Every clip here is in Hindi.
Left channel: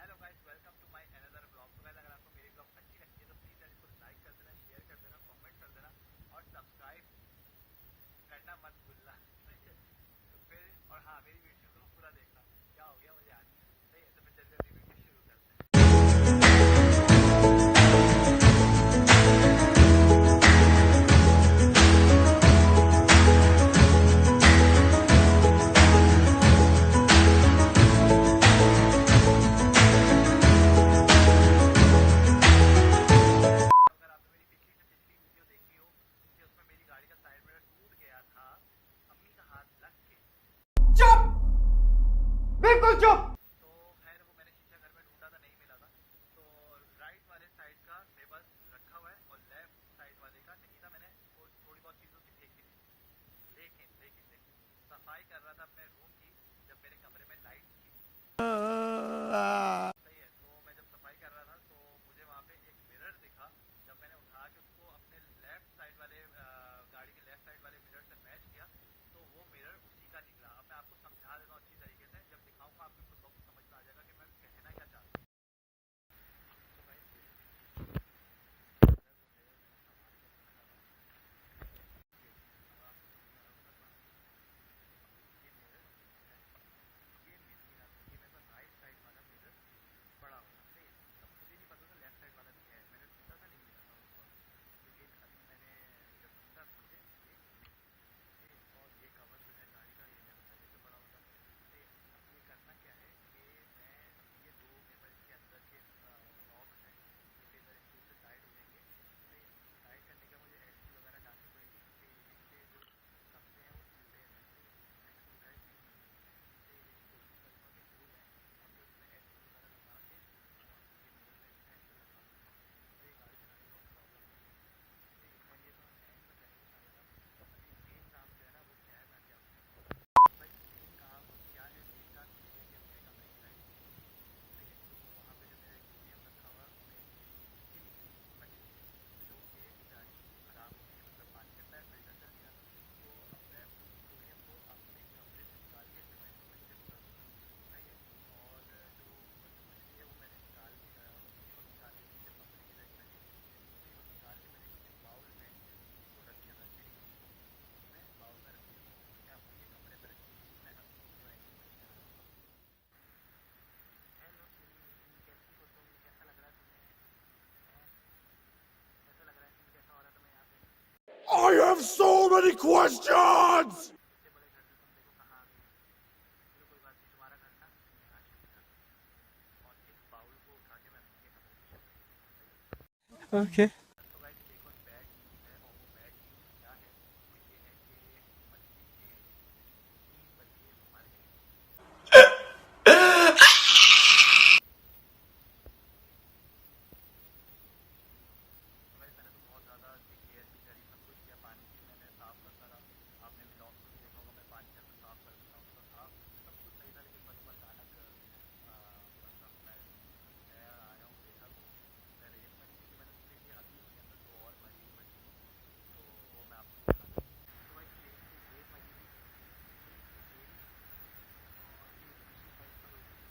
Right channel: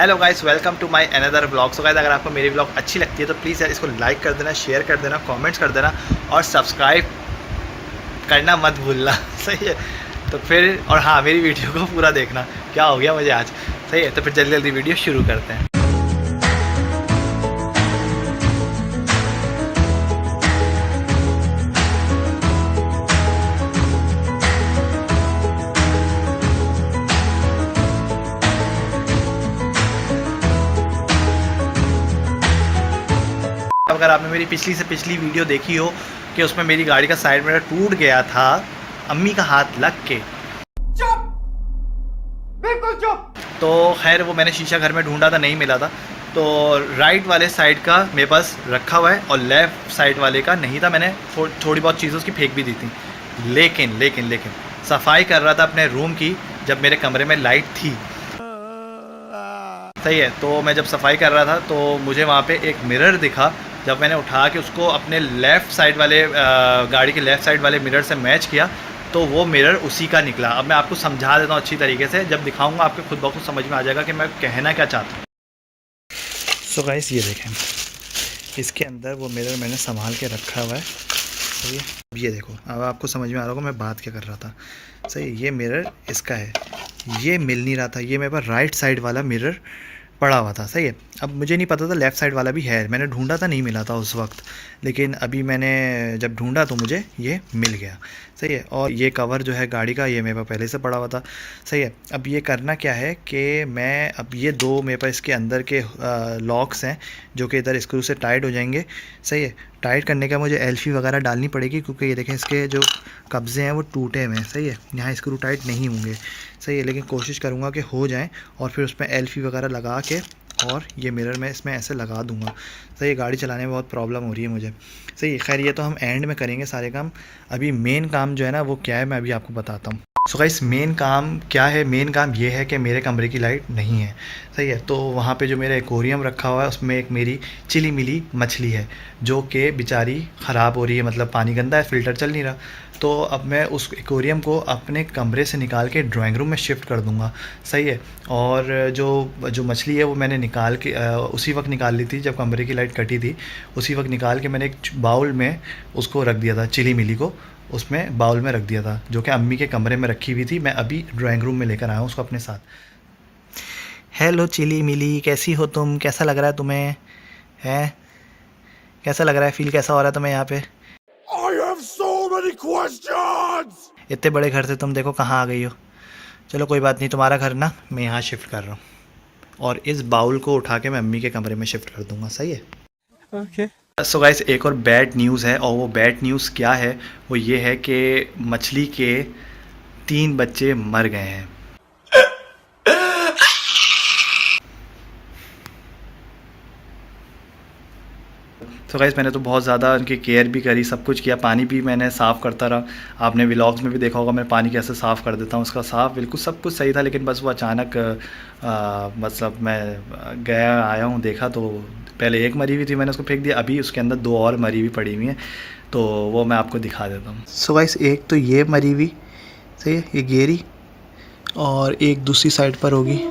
Hello guys, welcome to my another blog. So guys, अगर आपको मेरी ब्लॉग अच्छी लगती है तो प्लीज़ यार इसको लाइक कर देना, शेयर कर देना, कमेंट्स कर देना और सब्सक्राइब करना मत भूलना। सही है। तो फिर और हाँ, मेरी वीडियो को पूरा देखना। क्या हो गया मुझे आज। सही है। तो फिर जल्दी जल्दी वीडियो शुरू करते हैं। अगर आपने मेरी पिछली से पिछली वीडियो देखी हो कि उसमें मेरी गाड़ी का साइड मिरर टूट गया था अम्मी का हाथ लग के। चुप, बिल्कुल चुप। तो खैर वो मैंने शीशा घर में ढूंढा था, नहीं मिला था। तो राइट वाले साइड का मेरे पास रखा हुआ है और लेफ़्ट साइड वाले का नहीं था। मैंने थोड़ी बहुत चीज़ें उसकी फेंक भी दी थी। लेकिन लेकिन लेकिन सफाई कर रहा था अपने रूम की जब मेरे कमरे में लाइट थी। सही है। तो मैं जब सफाई कर रहा था तो मुझे वहाँ पे एक मिरर दिखा। जब मैंने उठा के उसको अपने लेफ़्ट साइड वाले गाड़ी के लेफ़्ट साइड वाले मिरर से मैच किया तो वो मिरर उसी का निकला। अब मैं आपको समझा देता हूँ अच्छी तरीके से, जब दिखाऊंगा आपके खुद ब खुद समझ में आ जाएगा कि मैं कहना क्या चाहता हूँ। सो गाइस, ये देखें, इसके अंदर वो मिरर मैंने संभाल के रखा हुआ है। सही है। अब ये देखो, अब आपको समझ में आ रहा होगा मैं बात क्या कर रहा था। सही है। ये मिरर इसका है, ये मिल नहीं रहा था। ये मेरे पास राइट साइड वाला मिरर पड़ा हुआ था। सही है। अब मुझे नहीं पता था लेफ़्ट साइड वाला भी है, मैंने ढूंढा था, नहीं मिला था उस वक्त। लेकिन अभी मैंने जब ढूंढा तो मुझे ये मिल गया। सही है। और ये कवर जो है गाड़ी का, ये मेरे पास पहले से पड़ा हुआ था। सही है। अब ये करना क्या है कि मैं अब ये दो मेरे पास इसके अंदर के लॉक्स हैं जो कि इधर स्क्रू से टाइट हो जाएंगे। सही है। टाइट करने का मुझे एल्फी वगैरह डालनी पड़ेगी क्योंकि ये देखें इसके जो कब्जे हैं वो टूटे हुए हैं। सही है। यहाँ स्क्रू टाइट नहीं होंगे। सही है। लेकिन कोशिश करूँगा कि हो जाएं और फिर उसमें एल्फी वगैरह लगा के और ये मिरर मैं इसमें ऐसे लगा दूंगा। सही है। गाड़ी चलाने में बहुत प्रॉब्लम हो रही है मुझे। सही है। खैर, ये तो हम एंड में करेंगे सारे काम। अभी मेन काम जो है ना वो क्या है मैं अभी आपको बताता हूँ। सो गाइस, मेन काम क्या है? मेन काम ये है कि मेरे कमरे की लाइट नहीं है। सही है। तो वहाँ पे जो मेरा एक्वेरियम रखा हुआ है उसमें एक मेरी चिली मिली मछली है जो कि बेचारी ख़राब हो रही है, मतलब पानी गंदा है, फ़िल्टर चल नहीं रहा। तो अब मैं उस एक्वेरियम को अपने कमरे से निकाल के ड्राइंग रूम में शिफ्ट कर दूँगा। सही है। और जो मछली है वो मैंने निकाल के उसी वक्त निकाल ली थी जब कमरे की लाइट कटी थी। उसी वक्त निकाल के मैंने एक बाउल में उसको रख दिया था, चिली मिली को उसमें बाउल में रख दिया था, जो कि अम्मी के कमरे में रखी हुई थी। मैं अभी ड्राइंग रूम में लेकर आया हूँ उसको अपने साथ। हेलो चिली मिली, कैसी हो तुम? कैसा लग रहा है तुम्हें? है कैसा लग रहा है? फील कैसा हो रहा है तुम्हें यहाँ पे? I have so many questions. इतने बड़े घर से तुम देखो कहाँ आ गई हो। चलो कोई बात नहीं, तुम्हारा घर ना मैं यहाँ शिफ्ट कर रहा हूँ और इस बाउल को उठा के मैं अम्मी के कमरे में शिफ्ट कर दूँगा। सही है। Okay. सो गाइस, एक और बैड न्यूज़ है और वो बैड न्यूज़ क्या है? वो ये है कि मछली के 3 बच्चे मर गए हैं। तो गाइस, मैंने तो बहुत ज़्यादा उनकी केयर भी करी, सब कुछ किया, पानी भी मैंने साफ़ करता रहा। आपने व्लॉग्स में भी देखा होगा मैं पानी कैसे साफ़ कर देता हूँ उसका साफ़, बिल्कुल सब कुछ सही था। लेकिन बस वो अचानक मतलब मैं गया आया हूँ, देखा तो पहले एक मरी हुई थी, मैंने उसको फेंक दिया। अभी उसके अंदर 2 और मरी हुई पड़ी हुई हैं, तो वो मैं आपको दिखा देता हूँ। सो गाइस, एक तो ये मरी हुई, सही है, ये गेरी, और एक दूसरी साइड पर होगी।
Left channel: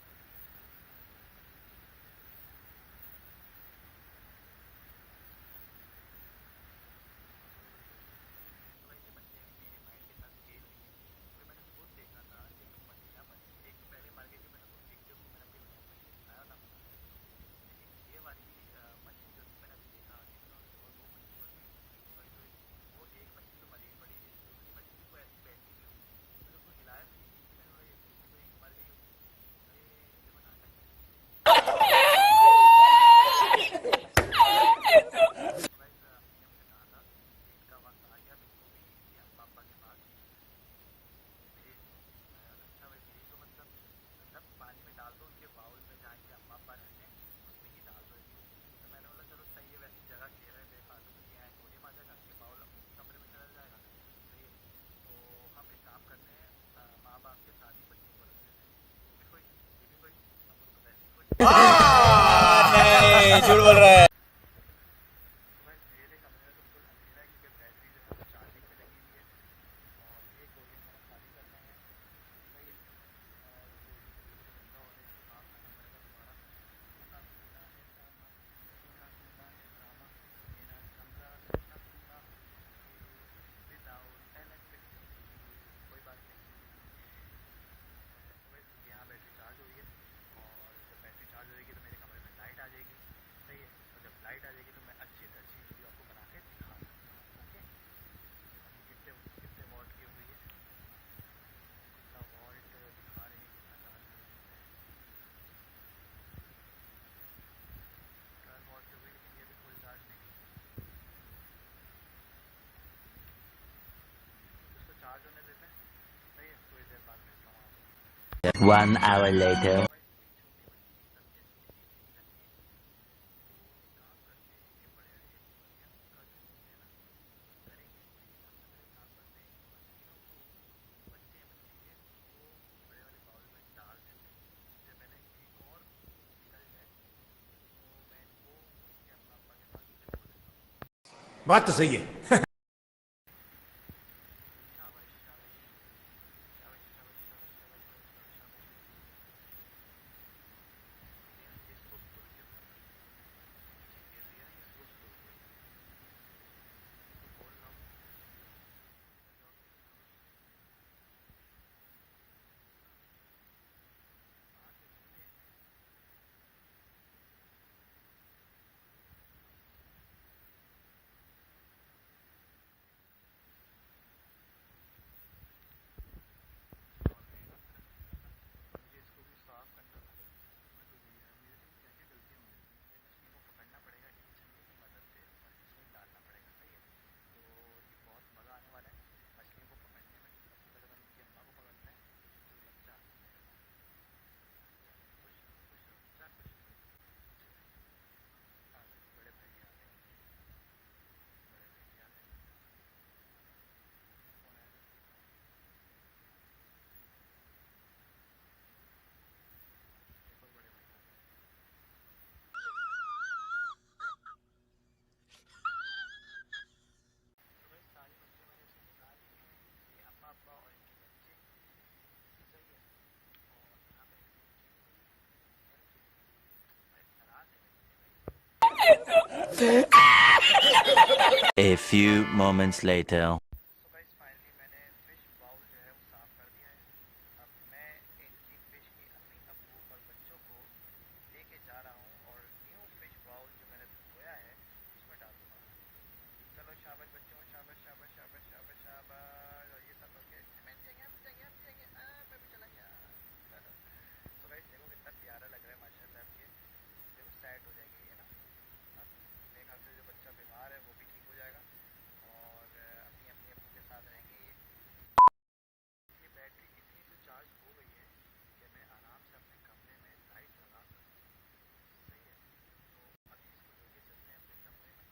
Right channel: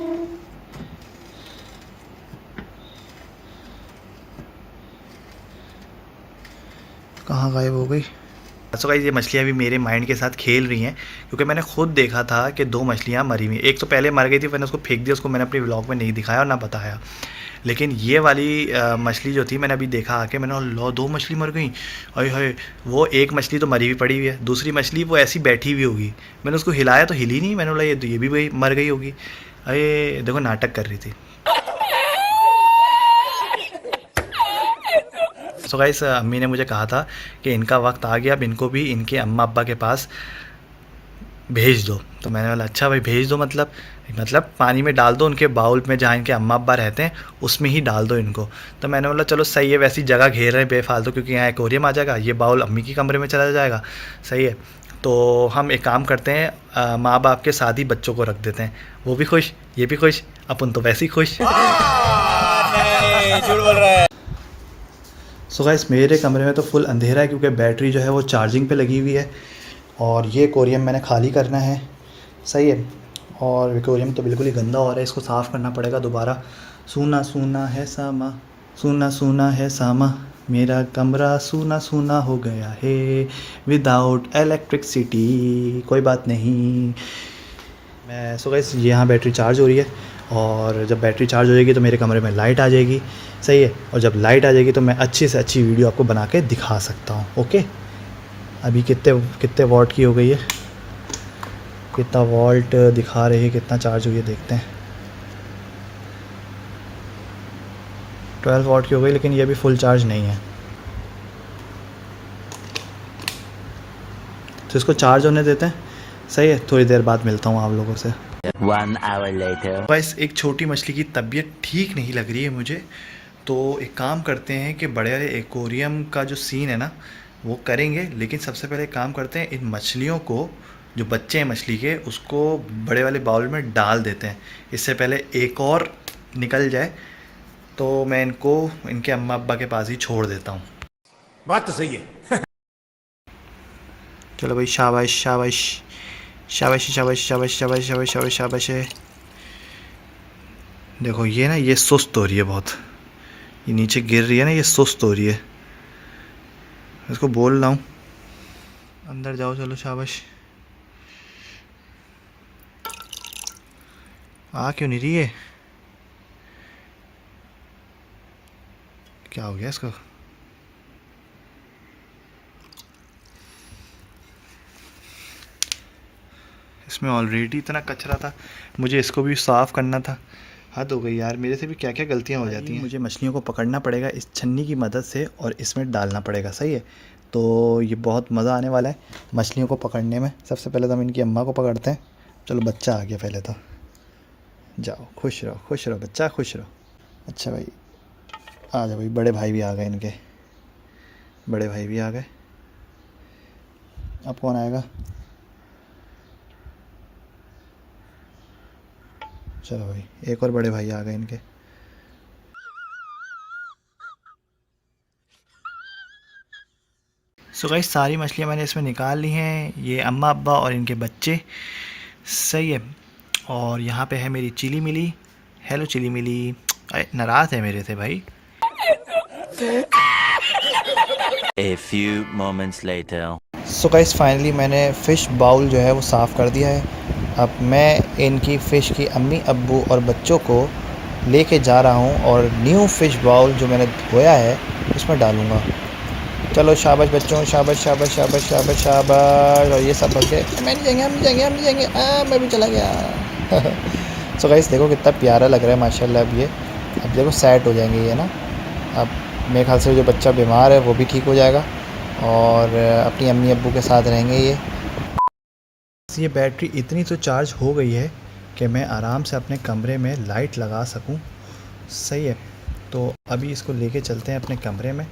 कहाँ गायब हो गई? सो गाइस, ये मछलियाँ भी मेरे माइंड के साथ खेल रही हैं क्योंकि मैंने खुद देखा था कि 2 मछलियाँ मरी हुई। एक तो पहले मर गई थी, मैंने उसको फेंक दिया, उसको मैंने अपने व्लॉग में नहीं दिखाया और ना बताया। लेकिन ये वाली मछली जो थी मैंने अभी देखा आके, मैंने लो 2 मछली मर गई। अरे हाय, वो एक मछली तो मरी हुई पड़ी हुई है, दूसरी मछली वो ऐसी बैठी हुई होगी। मैंने उसको हिलाया तो हिली नहीं, मैंने बोला ये भी वही मर गई होगी। अरे देखो, नाटक कर रही थी। सो गाइस, अम्मी ने मुझे कहा था कि इनका वक्त आ गया, अब इनको भी इनके अम्मा अब्बा के पास भेज दो। तो मैंने बोला अच्छा भाई भेज दो, मतलब पानी में डाल दो, उनके बाउल में जहाँ इनके अम्मा अब्बा रहते हैं उसमें ही डाल दो इनको। तो मैंने बोला चलो सही है, वैसी जगह घेर रहे हैं बेफालतू, क्योंकि यहाँ एक्वेरियम आ जाएगा, ये बाउल अम्मी के कमरे में चला जाएगा। सही है। तो हम एक काम करते हैं, माँ बाप के साथ ही बच्चों को रख देते हैं, वो भी खुश, ये भी खुश, अपन तो वैसे ही खुश। नहीं, झूठ बोल रहा है। सो गाइस, मेरे कमरे में तो फुल अंधेरा है क्योंकि बैटरी जो है वो चार्जिंग पे लगी हुई है और ये एक्वेरियम मैंने खाली करना है। सही है। और एक्वेरियम तो बिल्कुल ही गंदा हो रहा है, इसको साफ़ करना पड़ेगा दोबारा। सूना सूना है सामा, सूना सूना है सामा, मेरा कमरा सूना सूना हो गया है विदाउट इलेक्ट्रिसिटी। कोई बात नहीं। मैं सो गाइस यहाँ बैटरी चार्ज हो रही है, और जब बैटरी चार्ज हो जाएगी तो मेरे कमरे में लाइट आ जाएगी, सही है। और जब लाइट आ जाएगी तो मैं अच्छी से अच्छी वीडियो आपको बना के दिखा सकता हूँ। ओके, अभी कितने वॉट की हो गई है, कितना वोल्ट दिखा रही है, कितना चार्ज हुई है देखते हैं। 12 वॉट की हो गई, लेकिन ये भी फुल चार्ज नहीं है, तो इसको चार्ज होने देते हैं, सही है। थोड़ी देर बाद मिलता हूँ आप लोगों से। 1 hour later. बस एक छोटी मछली की तबीयत ठीक नहीं लग रही है मुझे, तो एक काम करते हैं कि बड़े वाले एक्वेरियम का जो सीन है ना वो करेंगे, लेकिन सबसे पहले एक काम करते हैं, इन मछलियों को, जो बच्चे हैं मछली के, उसको बड़े वाले बाउल में डाल देते हैं, इससे पहले एक और निकल जाए। तो मैं इनको इनके अम्मा अब्बा के पास ही छोड़ देता हूँ। बात तो सही है। चलो भाई, शाबाश शाबाश शाबाश शाबाश शाबाश शाबाश शाबाश शाबाश शाबाश है। देखो ये ना, ये सुस्त हो रही है बहुत, ये नीचे गिर रही है ना, ये सुस्त हो रही है। इसको बोल रहा हूँ अंदर जाओ, चलो शाबाश। आ क्यों नहीं रही है, क्या हो गया इसको? इसमें ऑलरेडी इतना कचरा था, मुझे इसको भी साफ़ करना था। हद हो गई यार, मेरे से भी क्या क्या गलतियाँ हो जाती हैं। मुझे मछलियों को पकड़ना पड़ेगा इस छन्नी की मदद से, और इसमें डालना पड़ेगा, सही है। तो ये बहुत मज़ा आने वाला है मछलियों को पकड़ने में। सबसे पहले तो हम इनकी अम्मा को पकड़ते हैं। चलो बच्चा आ गया पहले तो, जाओ खुश रहो बच्चा, खुश रहो। अच्छा भाई आ जाओ भाई, बड़े भाई भी आ गए इनके, बड़े भाई भी आ गए। अब कौन आएगा? चलो भाई, एक और बड़े भाई आ गए इनके। सो गाइस सारी मछलियाँ मैंने इसमें निकाल ली हैं, ये अम्मा अब्बा और इनके बच्चे, सही है। और यहाँ पे है मेरी चिली मिली। हेलो चिली मिली, नाराज़ है मेरे से भाई। A few moments later. So guys finally मैंने फ़िश बाउल जो है वो साफ़ कर दिया है। अब मैं इनकी फ़िश की अम्मी अब्बू और बच्चों को लेके जा रहा हूँ, और न्यू फ़िश बाउल जो मैंने धोया है उसमें डालूँगा। चलो शाबाश बच्चों, शाबाश शाबाश शाबाश शाबाश शाबाश। और ये सब बच्चे, मैं नहीं जाएंगे, हम नहीं जाएंगे, हम नहीं जाएंगे, मैं भी चला गया। सो गाइस देखो कितना प्यारा लग रहा है माशाल्लाह। अब देखो सेट हो जाएंगे ये ना। अब मेरे ख्याल से जो बच्चा बीमार है वो भी ठीक हो जाएगा, और अपनी अम्मी अब्बू के साथ रहेंगे ये बैटरी इतनी तो चार्ज हो गई है कि मैं आराम से अपने कमरे में लाइट लगा सकूं, सही है। तो अभी इसको लेके चलते हैं अपने कमरे में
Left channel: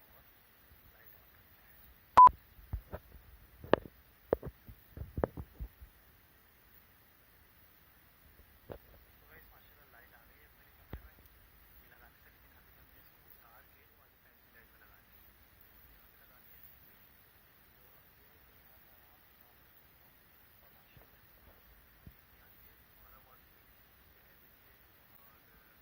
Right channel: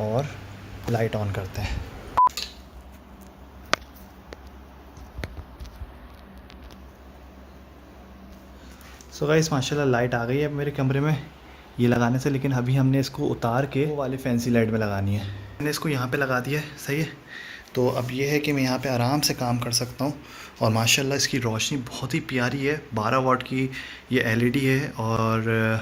और लाइट ऑन करते हैं। सो गाइस माशाल्लाह लाइट आ गई है मेरे कमरे में ये लगाने से, लेकिन अभी हमने इसको उतार के वो वाली फैंसी लाइट में लगानी है। मैंने इसको यहाँ पे लगा दिया है, सही है। तो अब ये है कि मैं यहाँ पे आराम से काम कर सकता हूँ, और माशाल्लाह इसकी रोशनी बहुत ही प्यारी है। 12 वाट की ये एलईडी है, और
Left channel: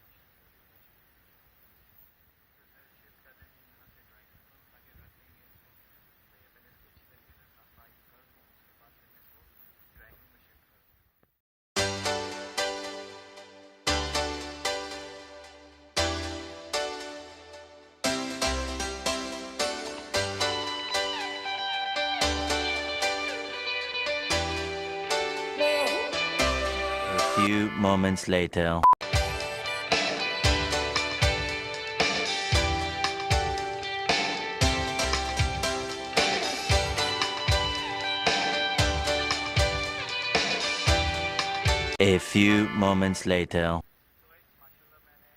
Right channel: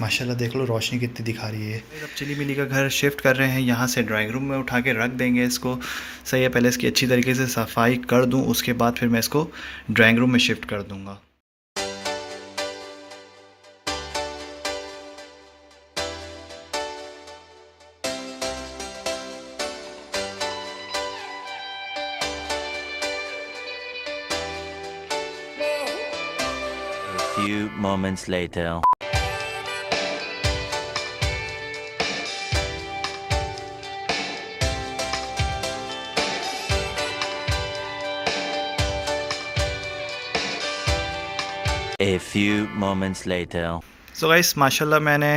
माशाल्लाह देख लो रोशनी कितनी दिखा रही है। अब चिली मिली का घर शिफ्ट कर रहे हैं, यहाँ से ड्राइंग रूम में उठा के रख देंगे इसको, सही है। पहले इसकी अच्छी तरीके से सफाई कर दूँ, उसके बाद फिर मैं इसको ड्राइंग रूम में शिफ्ट कर दूँगा। A few moments later. A few moments later. So guys माशाल्लाह मैंने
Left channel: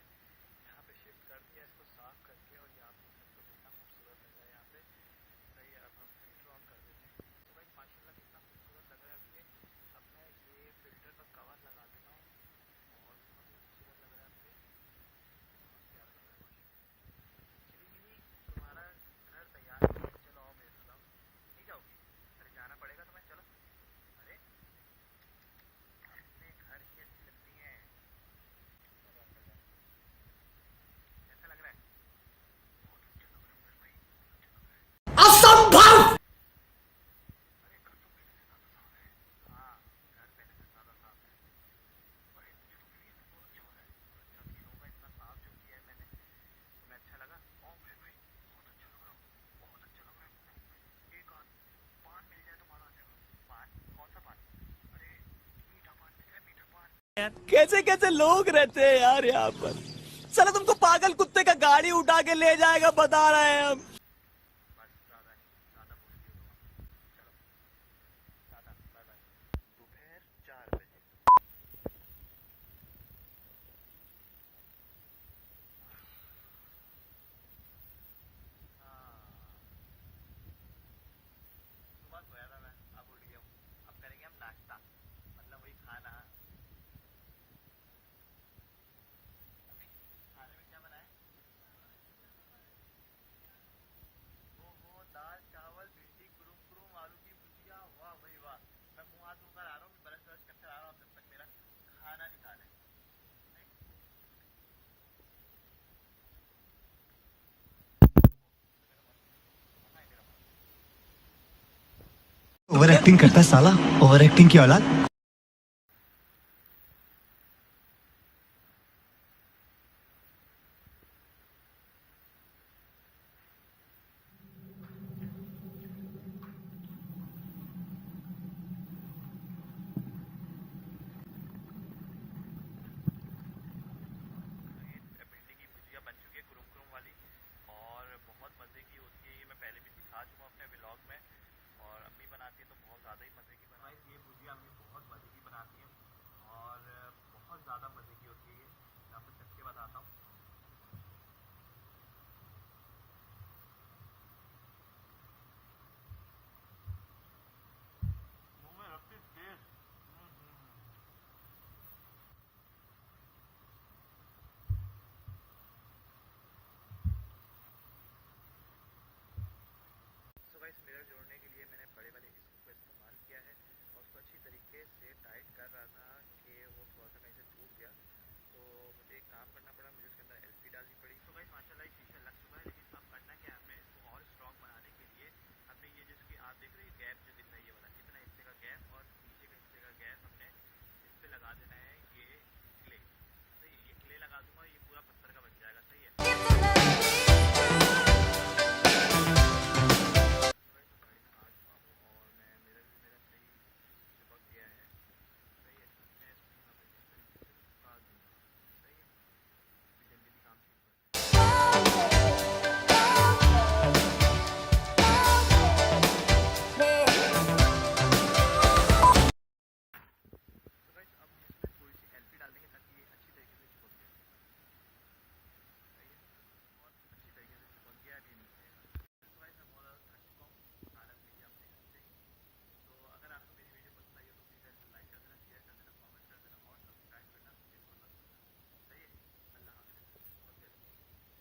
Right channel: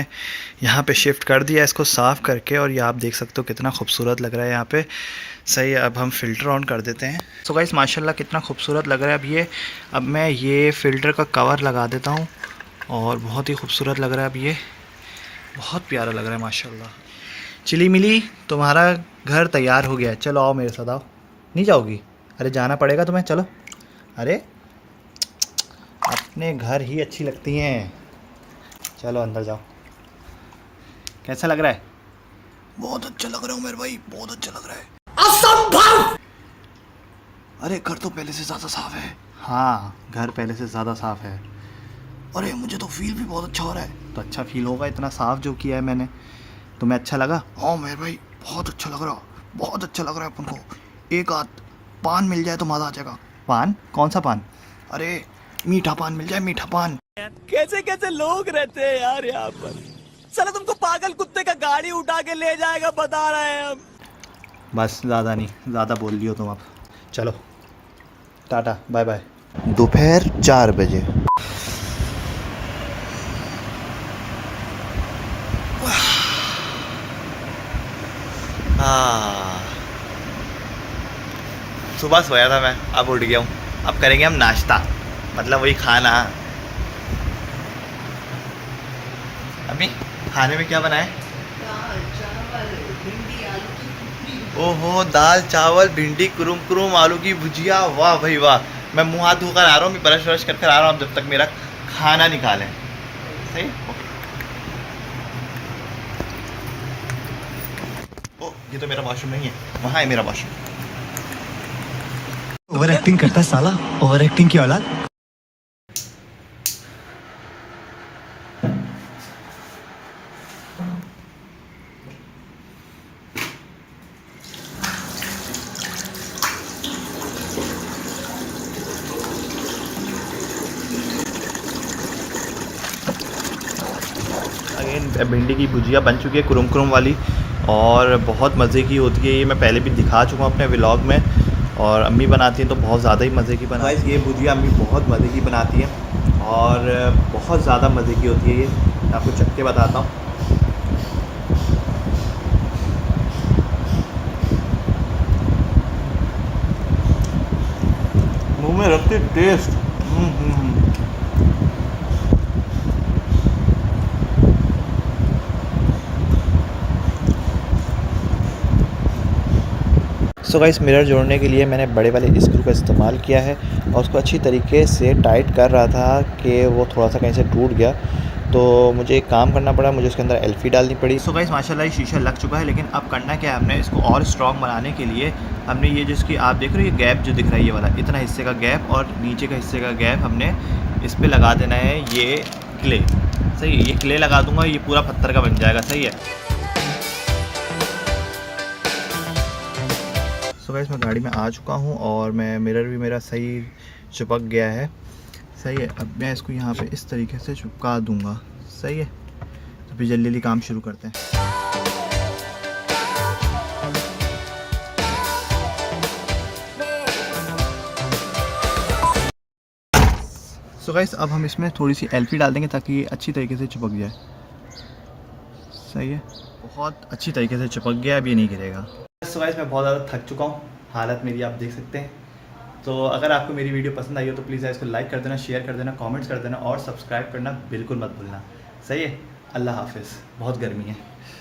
यहाँ पे शिफ्ट कर दिया इसको साफ़ करके, और ये आप देख सकते हो कितना खूबसूरत लग रहा है यहाँ पे, सही है। अब हम फ़िल्टर ऑन कर देते हैं। सो गाइस माशाल्लाह कितना खूबसूरत लग रहा है अब मैं ये फ़िल्टर का कवर लगा देता हूँ, और बहुत ही खूबसूरत लग रहा है। अब ये बहुत प्यारा लग रहा है माशाल्लाह। चिली मिली तुम्हारा घर तैयार हो गया है, चलो आओ मेरे साथ आओ। नहीं जाओगी? अरे जाना पड़ेगा तुम्हें, चलो। अरे अपने घर ही अच्छी लगती हैं। चलो अंदर जाओ। कैसा लग रहा है? बहुत अच्छा लग रहा हूँ मेरे भाई, बहुत अच्छा लग रहा है। असंभव! अरे घर तो पहले से ज़्यादा साफ है। हाँ, घर पहले से ज़्यादा साफ है। अरे मुझे तो फील भी बहुत अच्छा हो रहा है। तो अच्छा फील होगा, इतना साफ जो किया है मैंने। तुम्हें अच्छा लगा? हाँ मेरे भाई, बहुत अच्छा लग रहा, बहुत अच्छा लग रहा है अपन को। एक आध पान मिल जाए तो मज़ा आ जाएगा। पान? कौन सा पान? अरे मीठा पान मिल जाए, मीठा पान। कैसे कैसे लोग रहते हैं यार यहाँ पर। साला तुमको पागल कुत्ते का गाड़ी उठा के ले जाएगा, बता रहे हैं हम। बस ज़्यादा नहीं, ज़्यादा बोल लियो तुम अब। चलो टाटा, बाय बाय। दोपहर 4 बजे। सुबह सोया था मैं, अब उठ गया हूँ। अब करेंगे हम नाश्ता, मतलब वही खाना। अम्मी खाने में क्या बना है? ओहो, दाल चावल भिंडी कुरुम कुरुम आलू की भुजिया। वाह भाई वाह। मैं मुंह हाथ धोकर आ रहा हूँ, मैं ब्रश व्रश कर आ रहा हूँ जब तक मेरा खाना निकालें। सही। ओ ये तो मेरा वॉशरूम नहीं है, वहाँ है मेरा वॉशरूम। ओवर एक्टिंग करता है साला, ओवर एक्टिंग की औलाद। अगेन भिंडी की भुजिया बन चुकी है, कुरुम कुरुम वाली, और बहुत मज़े की होती है ये। मैं पहले भी दिखा चुका हूँ अपने व्लॉग में, और अम्मी बनाती हैं तो बहुत ज़्यादा ही मज़े की बनाती है। ये भुजिया अम्मी बहुत मज़े की बनाती है और बहुत ज़्यादा मज़े की होती है ये। मैं आपको चख के बताता हूँ। मुँह में रखते टेस्ट। सो गाइस, मिरर जोड़ने के लिए मैंने बड़े वाले स्क्रू का इस्तेमाल किया है और उसको अच्छी तरीके से टाइट कर रहा था कि वो थोड़ा सा कहीं से टूट गया, तो मुझे एक काम करना पड़ा, मुझे उसके अंदर एल्फी डालनी पड़ी। सो गाइस माशाल्लाह ये शीशा लग चुका है, लेकिन अब करना क्या है, हमने इसको और स्ट्रॉन्ग बनाने के लिए हमने ये जिसकी आप देख रहे हो ये गैप जो दिख रहा है ये वाला, इतना हिस्से का गैप और नीचे का हिस्से का गैप हमने इस पर लगा देना है ये क्ले। सही है, ये क्ले लगा दूँगा, ये पूरा पत्थर का बन जाएगा। सही है। सो गाइस मैं गाड़ी में आ चुका हूँ और मैं मिरर भी मेरा सही चिपक गया है। सही है, अब मैं इसको यहाँ पे इस तरीके से चिपका दूँगा। सही है, तो फिर जल्दी जल्दी काम शुरू करते हैं। सो गाइस अब हम इसमें थोड़ी सी एल्फी डाल देंगे ताकि ये अच्छी तरीके से चिपक जाए। सही है, बहुत अच्छी तरीके से चिपक गया, अब ये नहीं गिरेगा। सो गाइस मैं बहुत ज़्यादा थक चुका हूँ, हालत मेरी आप देख सकते हैं। तो अगर आपको मेरी वीडियो पसंद आई हो तो प्लीज़ इसको लाइक कर देना, शेयर कर देना, कमेंट्स कर देना और सब्सक्राइब करना बिल्कुल मत भूलना। सही है, अल्लाह हाफिज़। बहुत गर्मी है।